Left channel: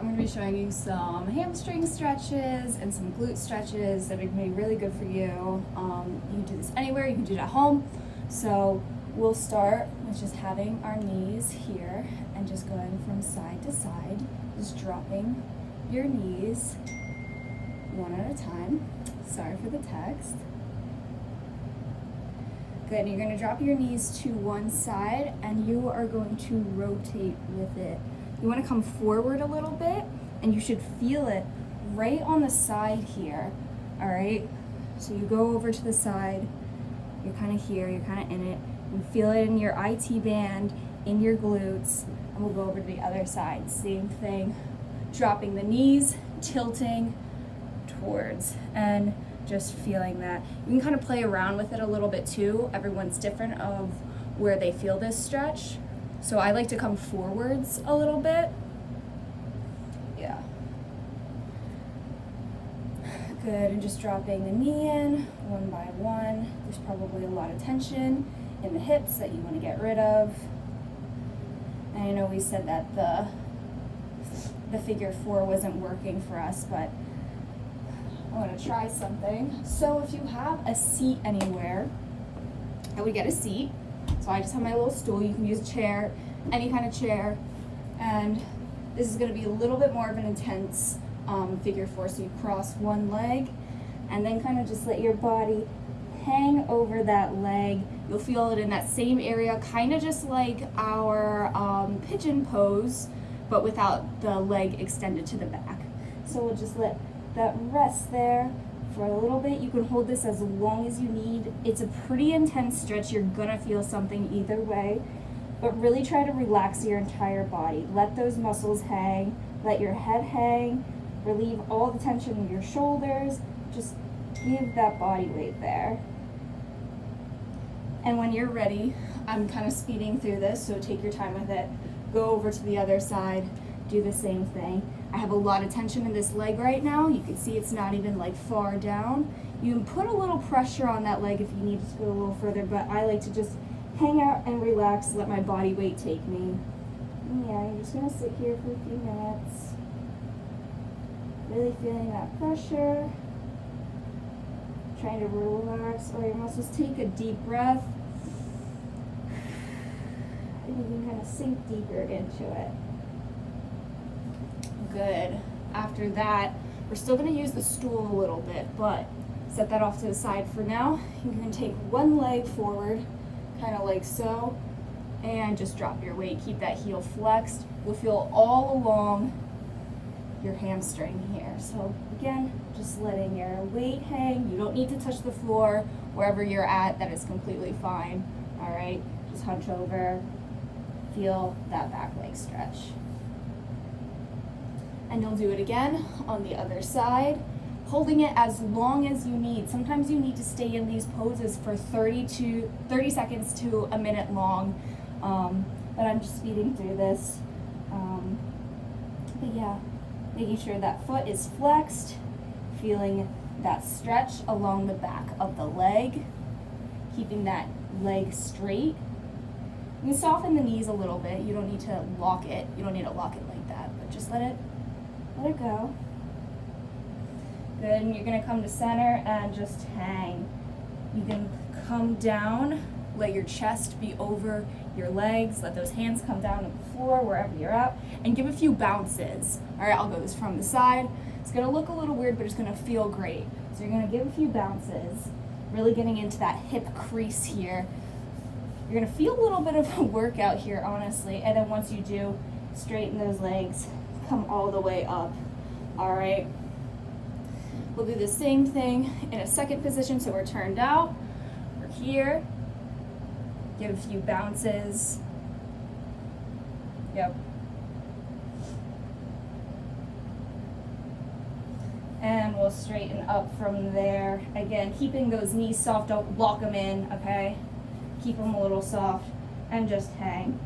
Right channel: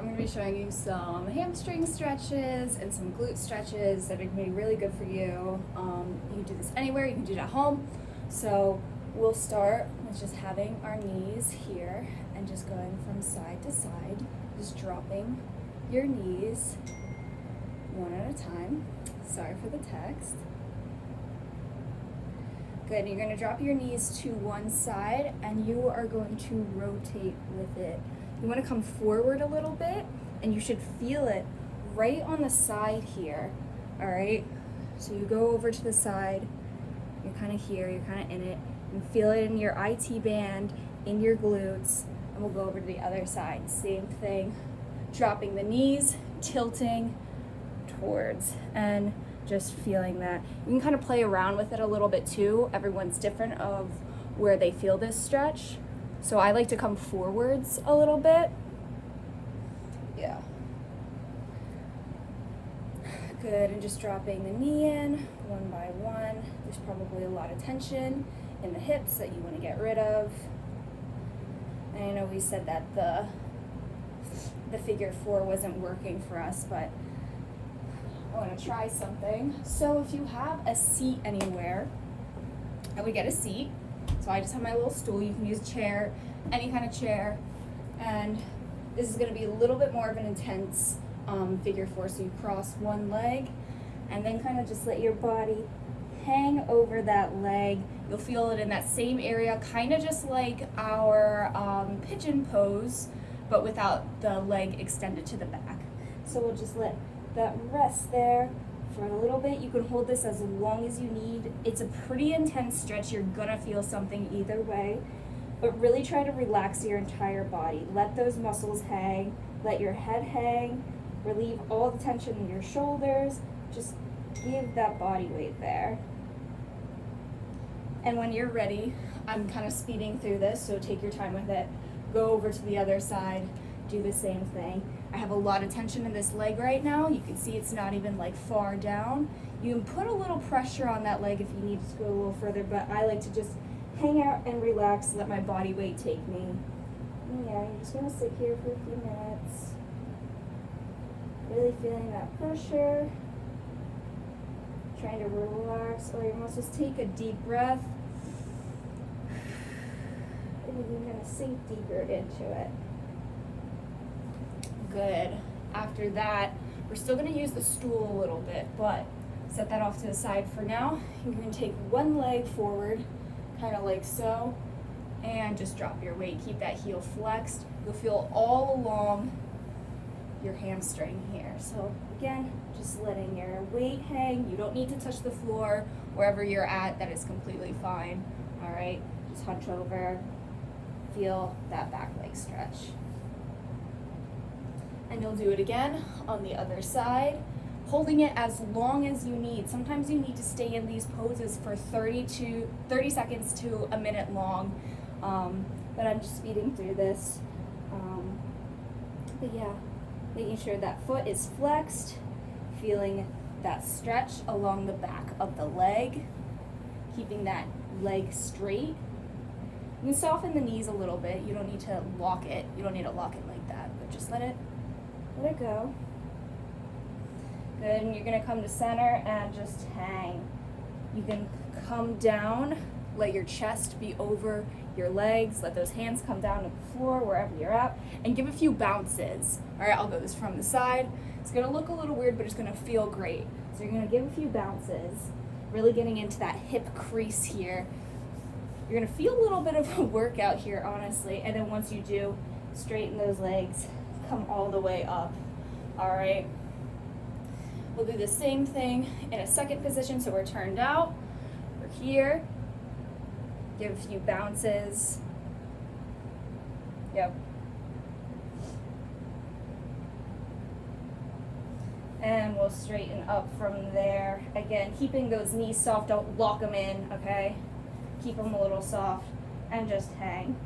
I'm going to be showing you some hamstring stretches and some glute stretches that are going to be really good for you. You can do this anywhere, you can do it at home. So we'll start with just having our knees here and just going from side to side, just dropping your knees one at a time. Sorry for the text. Good, you're going to drop your knees to one side and you are going to rotate with it. You want to come forward a little bit and you should feel it right on the side here, all right? So you go over to the side, you're kind of here, you're kind of in it. You feel it in your IT band, in your glutes, and we'll go over to the other side. Same thing, dropping the knees, tilting towards, and just feeling that. You can kind of play around with it a little bit too. Everyone's different of where they feel this stretch. So I like to come forwards a little bit. Yeah. Good, and just dropping the knee in one by one. There's probably a lot of tension in the hips that you want to get rid of. And I know we said that the figure 4 wasn't working for us, but I want to try something. So if you have a seat anywhere, I would get a seat. So I just have my little stool. You can use a chair, any kind of chair. And this is going to be a little bit more of an intense figure 4. So you cross one leg and then kind of just let your body hang over that leg. You'll feel it in that same area, kind of just like our pigeon pose, but without the leg extended to the back. So we'll just let that rest there for a little bit. You can hold this as long as you need. It's a pretty intense stretch. You're gonna feel something either way, but really try to relax your entire body. Let those muscles hang, let your head hang, relieve all the tension in your shoulders. Just give that body weight there. And when you're ready, I'm kind of speeding through this, so take your time with it. Go over to the other side, do the same thing. I have a lot of tension in this leg right now. You can see it's not even like far down. You can put a little pressure on that leg if you need to put a little further, but I like to just hang out and relax, let my body weight take me. And yeah, you're just gonna sit here for a few minutes. Really feeling that pressure. Trying to relax all your muscles. Take a deep breath. And you can kind of sink deeper into it. Good. After that, we're still going to use the stool a little bit, but set that off to the side for now. You're going to take one leg forward, kind of like so, and just drop your weight. Keep that heel flexed. You'll feel all along your hamstring here. So again, just letting your weight hang. You don't need to touch the floor. Wherever you're at, that is completely fine. All right, just hunch over, feel that back leg stretch. And you'll do it again on the other side, holding it as long as you need. Sometimes you need to stay in these poses for 30 seconds to a minute long, but I'm just speeding through this. But yeah, making sure that foot is flexed, feeling that stretch along the back of the leg, keeping that leg straight. You can soften the knees a little bit. You don't need to lock it. You don't need to lock it like that, but just let it go. Good, and you're gonna come to center and just hang. You can come down, let your chest be over your legs, let those hands come down to the floor wherever you're at, and give a few bounces. All right, I'll go this from the side. It's gonna look a little weird, but it's gonna feel great. So you're gonna give a few bounces, really getting into that hip crease here. You're gonna feel a little bit of a workout here, honestly, and then once you do, straighten those legs, come all the way up. All right, we'll do the same thing in a second position. So we're turned out, we're here, give a few bounces. Yep. And we'll straighten up from there. Again, keeping those knees soft, don't lock them in, okay? Keep them a little soft and just hang.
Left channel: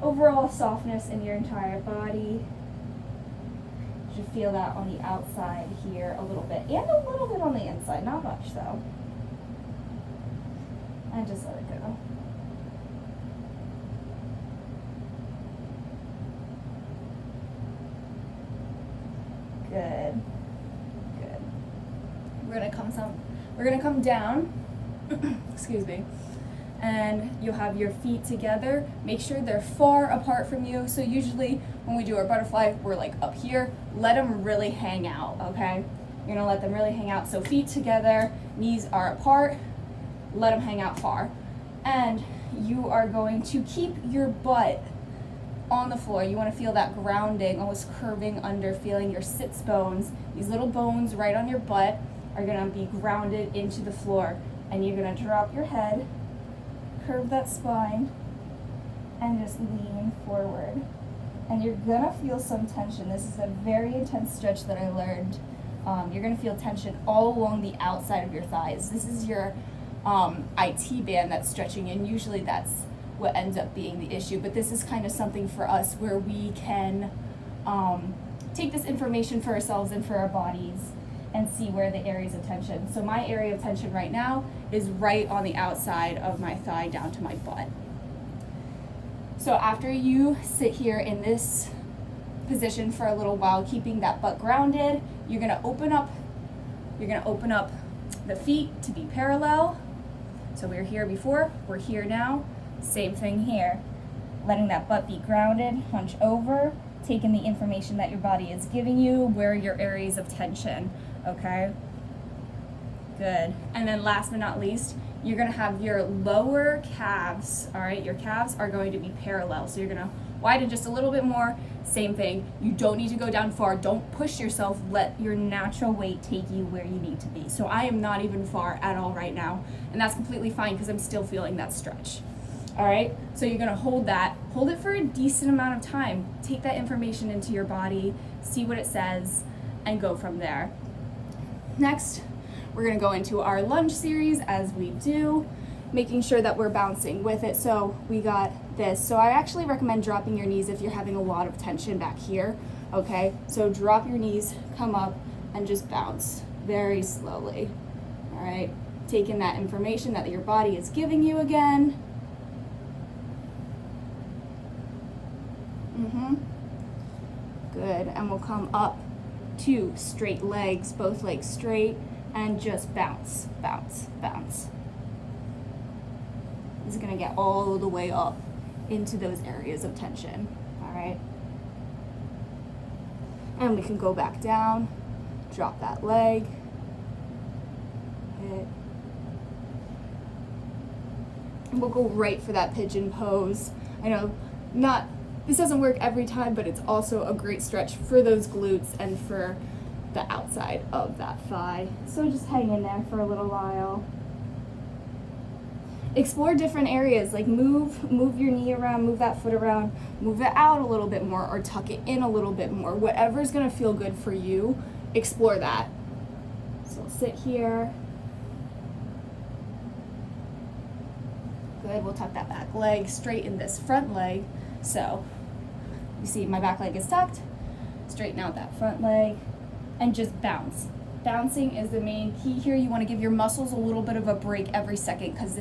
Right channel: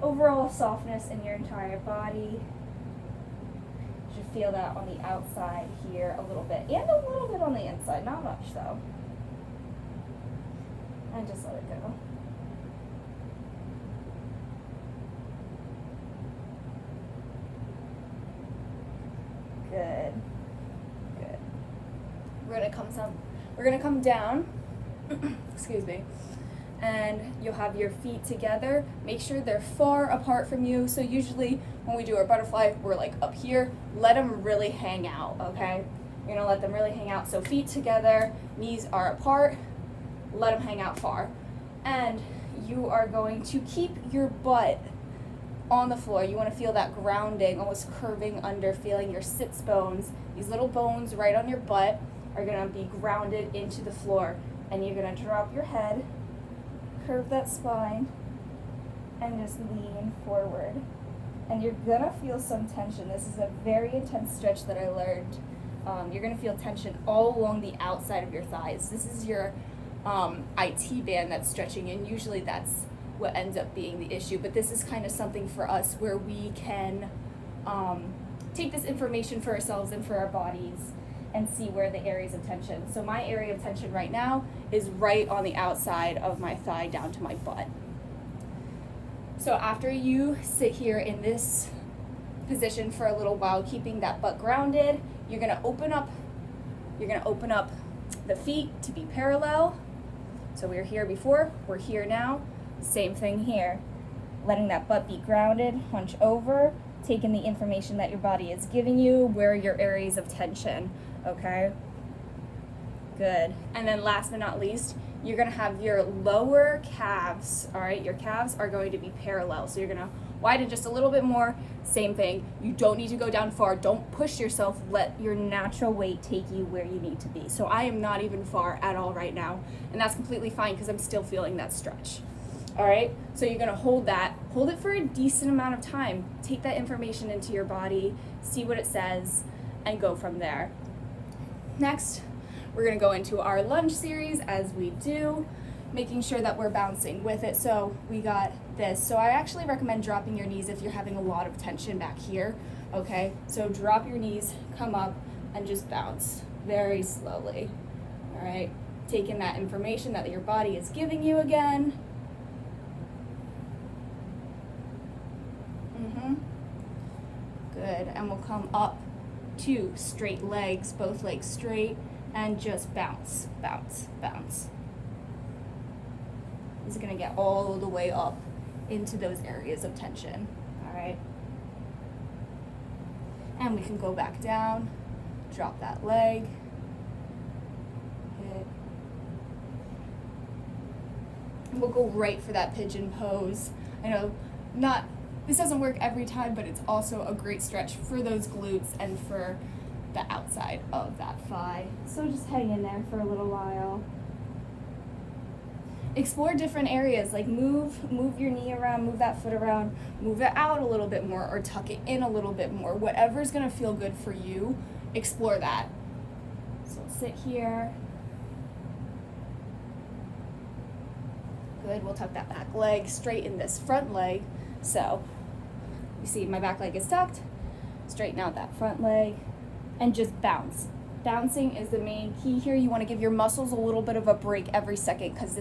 Overall softness in your entire body. You should feel that on the outside here a little bit, and a little bit on the inside, not much though. And just let it go. we're gonna come down, excuse me, and you'll have your feet together. Make sure they're far apart from you. So usually when we do our butterfly, we're like up here. Let them really hang out, okay? You're gonna let them really hang out. So feet together, knees are apart, let them hang out far. And you are going to keep your butt on the floor. You wanna feel that grounding, almost curving under, feeling your sits bones. These little bones right on your butt are gonna be grounded into the floor. And you're gonna drop your head, curve that spine, and just lean forward. And you're gonna feel some tension. This is a very intense stretch that I learned. You're gonna feel tension all along the outside of your thighs. This is your IT band that's stretching, and usually that's what ends up being the issue. But this is kind of something for us where we can take this information for ourselves and for our bodies and see where the areas of tension. So my area of tension right now is right on the outside of my thigh down to my butt. So after you sit here in this position for a little while, keeping that butt grounded, you're gonna open up the feet to be parallel. So we were here before, we're here now. Same thing here. Letting that butt be grounded, hunch over, taking the information that your body is giving you, where are your areas of tension, okay? Good. And then last but not least, you're gonna have your lower calves, all right? Your calves are going to be parallel. So you're gonna widen just a little bit more, same thing. You don't need to go down far. Don't push yourself. Let your natural weight take you where you need to be. So I am not even far at all right now, and that's completely fine because I'm still feeling that stretch. All right, so you're gonna hold it for a decent amount of time. Take that information into your body, see what it says, and go from there. Next, we're gonna go into our lunge series as we do, making sure that we're bouncing with it. So we got this. So I actually recommend dropping your knees if you're having a lot of tension back here, okay? So drop your knees, come up, and just bounce very slowly, all right? Taking that information that your body is giving you again. Good, and we'll come up to straight legs, both legs straight, and just bounce, bounce, bounce. This is gonna get all the way up into those areas of tension, all right? And we can go back down, drop that leg. Good. And we'll go right for that pigeon pose. I know this doesn't work every time, but it's also a great stretch for those glutes and for the outside of that thigh. So just hang in there for a little while. Explore different areas, like move your knee around, move that foot around, move it out a little bit more, or tuck it in a little bit more. Whatever's gonna feel good for you, explore that. So sit here. Good, we'll tuck that back leg, straighten this front leg. So you see my back leg is tucked, straighten out that front leg, and just bounce. Bouncing is the main key here. You want to give your muscles a little bit of a break every second because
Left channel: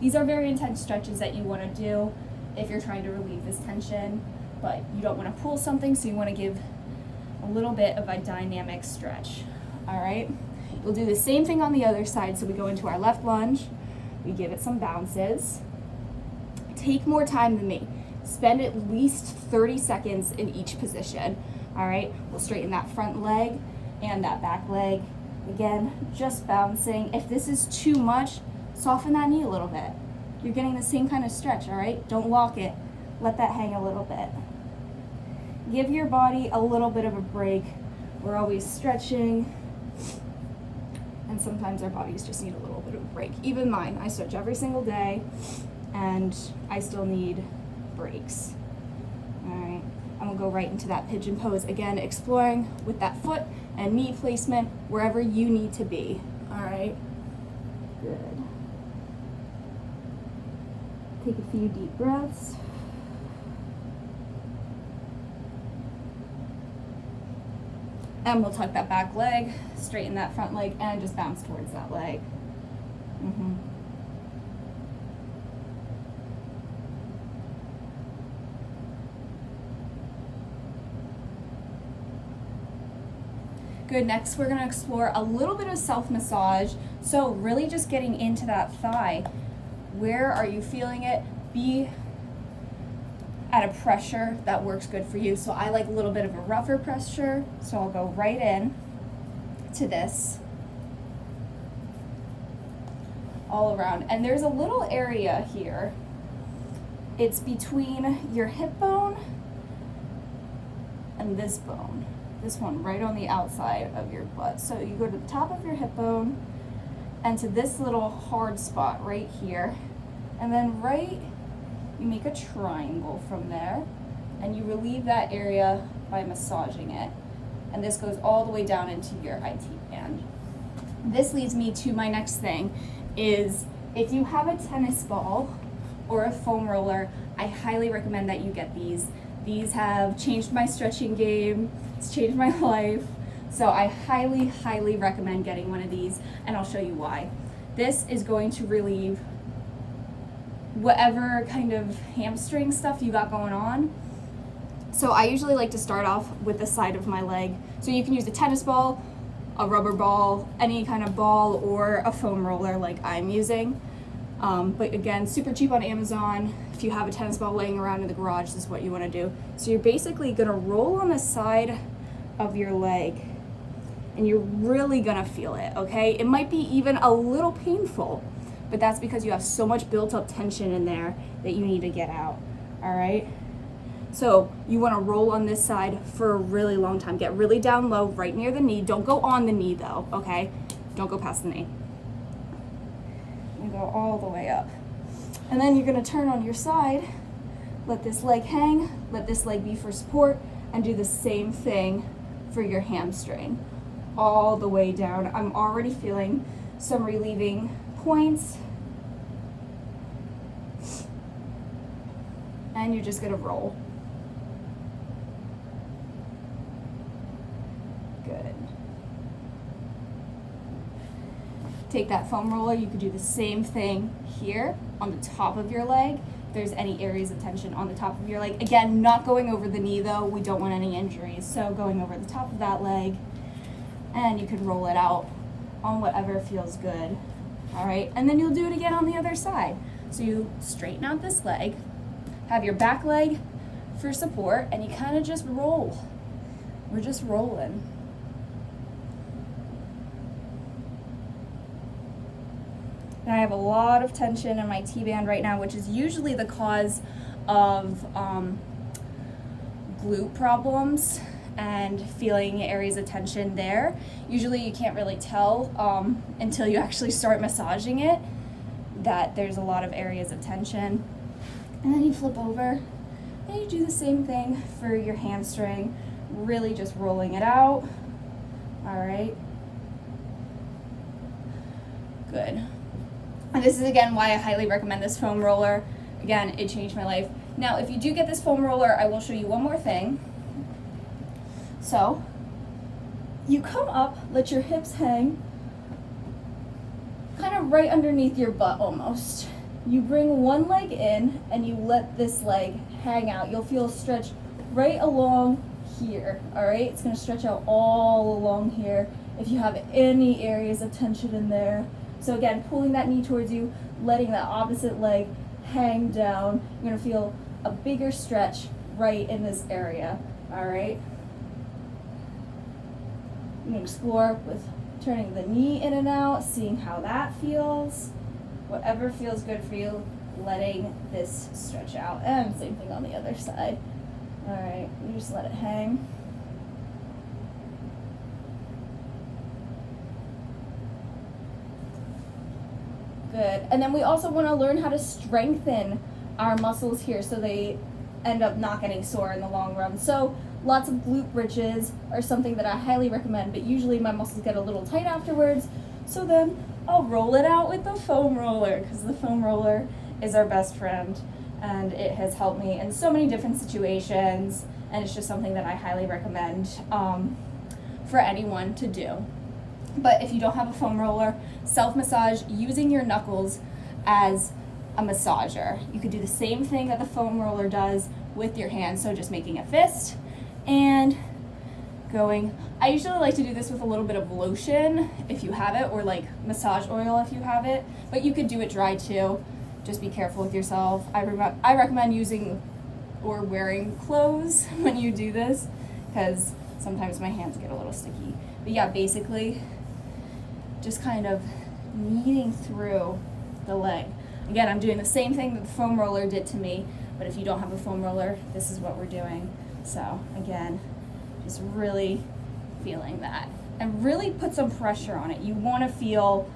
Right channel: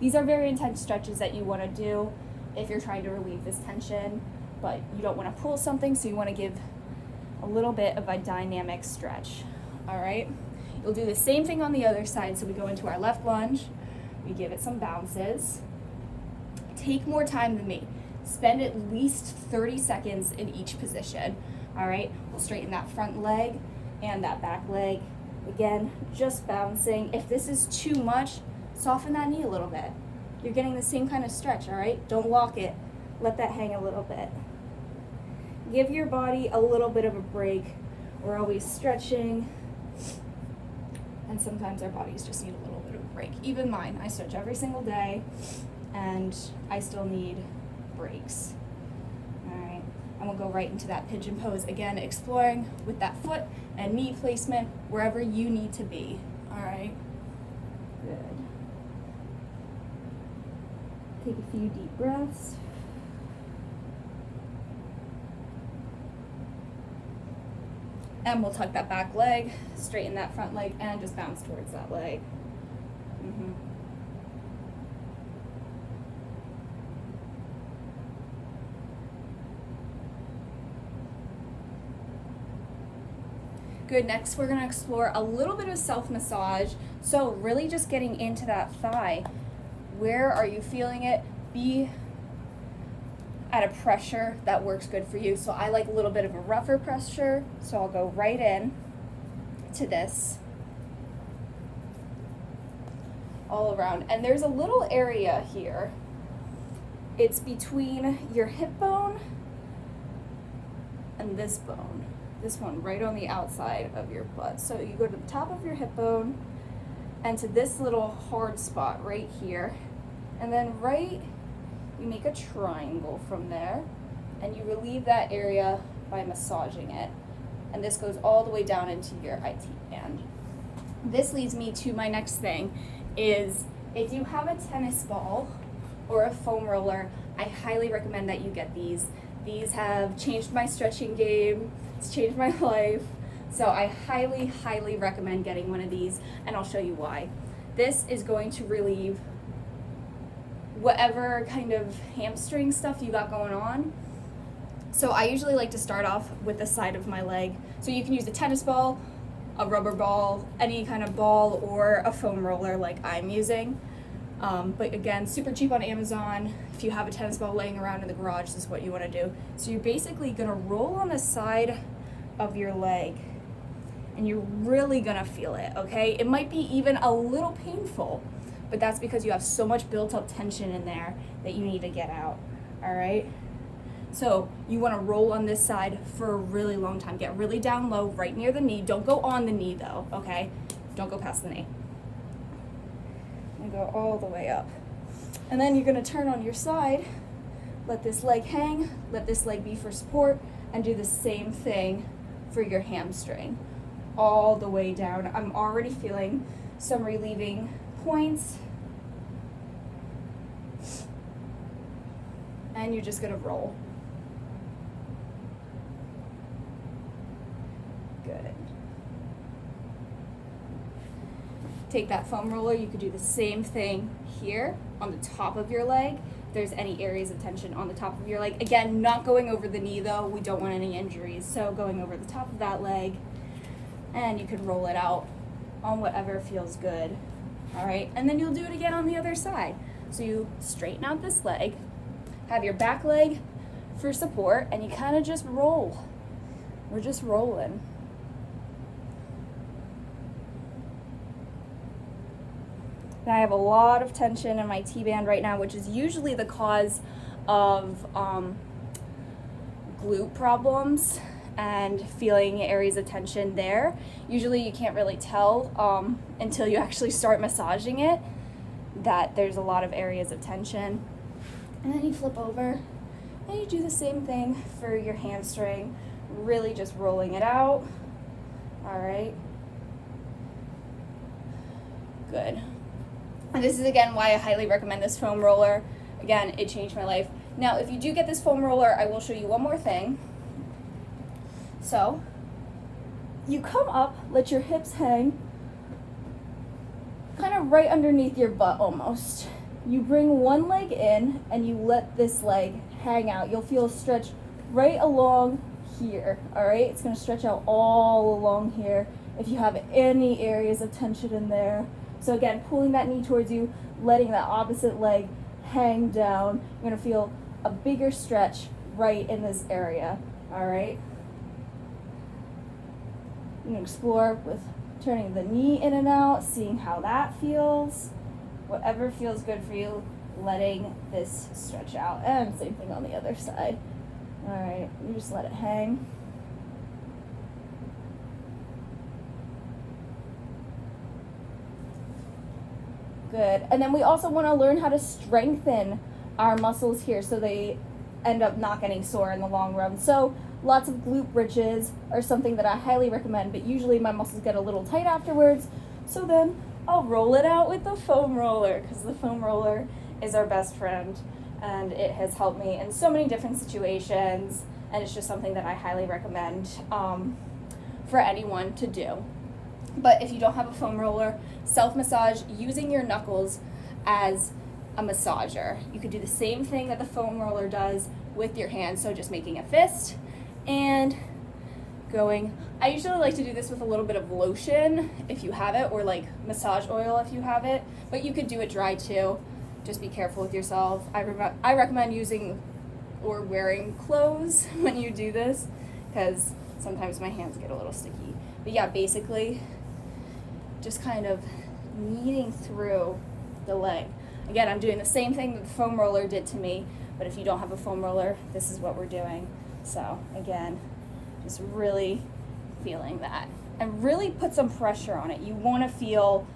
these are very intense stretches that you want to do if you're trying to relieve this tension, but you don't want to pull something, so you want to give a little bit of a dynamic stretch. All right, we'll do the same thing on the other side. So we go into our left lunge, we give it some bounces. Take more time than me. Spend at least 30 seconds in each position. All right, we'll straighten that front leg and that back leg. Again, just bouncing. If this is too much, soften that knee a little bit. You're getting the same kind of stretch, all right? Don't lock it. Let that hang a little bit. Give your body a little bit of a break. We're always stretching, and sometimes our bodies just need a little bit of a break. Even mine, I stretch every single day, and I still need breaks. All right, and we'll go right into that pigeon pose. Again, exploring with that foot and knee placement wherever you need to be. All right, good. Take a few deep breaths. And we'll tuck that back leg, straighten that front leg, and just bounce towards that leg. Good, next we're gonna explore a little bit of self-massage. So really just getting into that thigh. Where are you feeling it? Be at a pressure that works good for you. So I like a little bit of a rougher pressure, so I'll go right in to this all around. And there's a little area here. It's between your hip bone and this bone. This one right on the outside of your butt. So you go to the top of your hip bone and to this little hard spot right here. And then you make a triangle from there and you relieve that area by massaging it. And this goes all the way down into your IT band. This leads me to my next thing is if you have a tennis ball or a foam roller, I highly recommend that you get these. These have changed my stretching game. It's changed my life. So I highly, highly recommend getting one of these, and I'll show you why. This is going to relieve whatever kind of hamstring stuff you got going on. So I usually like to start off with the side of my leg. So you can use a tennis ball, a rubber ball, any kind of ball, or a foam roller like I'm using. But again, super cheap on Amazon. If you have a tennis ball laying around in the garage, this is what you want to do. So you're basically going to roll on the side of your leg and you're really going to feel it, okay? It might be even a little painful, but that's because you have so much built up tension in there that you need to get out, all right? So you want to roll on this side for a really long time. Get really down low, right near the knee. Don't go on the knee though, okay? Don't go past the knee. And go all the way up. And then you're going to turn on your side, let this leg hang, let this leg be for support, and do the same thing for your hamstring. All the way down. I'm already feeling some relieving points. And you're just going to roll. Good. Take that foam roller, you could do the same thing here on the top of your leg. If there's any areas of tension on the top of your leg. Again, not going over the knee though, we don't want any injuries. So going over the top of that leg, and you can roll it out on whatever feels good. All right, and then you'll do it again on the other side. So you straighten out this leg, have your back leg for support, and you kind of just roll. We're just rolling. And I have a lot of tension in my T-band right now, which is usually the cause of glute problems and feeling areas of tension there. Usually you can't really tell until you actually start massaging it that there's a lot of areas of tension. And then you flip over and you do the same thing for your hamstring, really just rolling it out. All right. Good. And this is again why I highly recommend this foam roller. Again, it changed my life. Now, if you do get this foam roller, I will show you one more thing. So, you come up, let your hips hang, kind of right underneath your butt almost. You bring one leg in and you let this leg hang out. You'll feel a stretch right along here, all right? It's gonna stretch out all along here if you have any areas of tension in there. So again, pulling that knee towards you, letting that opposite leg hang down. You're gonna feel a bigger stretch right in this area, all right? You can explore with turning the knee in and out, seeing how that feels. Whatever feels good for you, letting this stretch out. And same thing on the other side. All right, you just let it hang. Good. And then we also want to learn how to strengthen our muscles here so they end up not getting sore in the long run. So lots of glute bridges are something that I highly recommend, but usually my muscles get a little tight afterwards. So then I'll roll it out with the foam roller, because the foam roller is our best friend and it has helped me in so many different situations, and it's just something that I highly recommend for anyone to do. But if you don't have a foam roller, self-massage using your knuckles as a massager. You could do the same thing that the foam roller does with your hands, so just making a fist, and going. I usually like to do this with a little bit of lotion if you have it, or like massage oil if you have it, but you could do it dry too. Just be careful with yourself. I recommend using or wearing clothes when you do this, because sometimes my hands get a little sticky. But yeah, basically just kind of kneading through the leg. Again, I'm doing the same thing that the foam roller did to me, but if you don't have a foam roller, this is what we're doing. So again, just really feeling that, and really put some pressure on it. You want to feel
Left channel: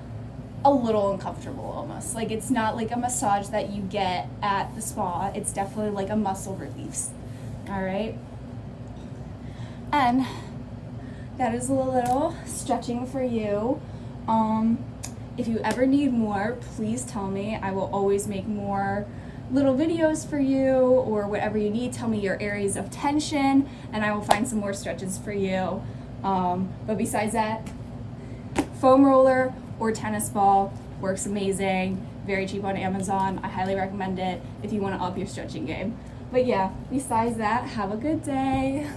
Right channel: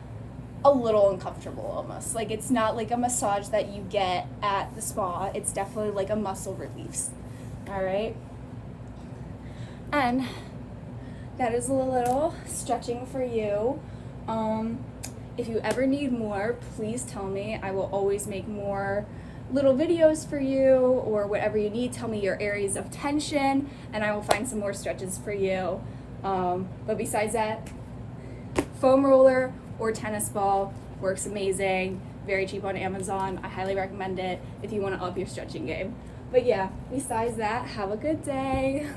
a little uncomfortable almost. Like it's not like a massage that you get at the spa. It's definitely like a muscle release. All right. And that is a little stretching for you. If you ever need more, please tell me. I will always make more little videos for you, or whatever you need. Tell me your areas of tension and I will find some more stretches for you. But besides that, foam roller or tennis ball works amazing. Very cheap on Amazon. I highly recommend it if you want to up your stretching game. But yeah, besides that, have a good day.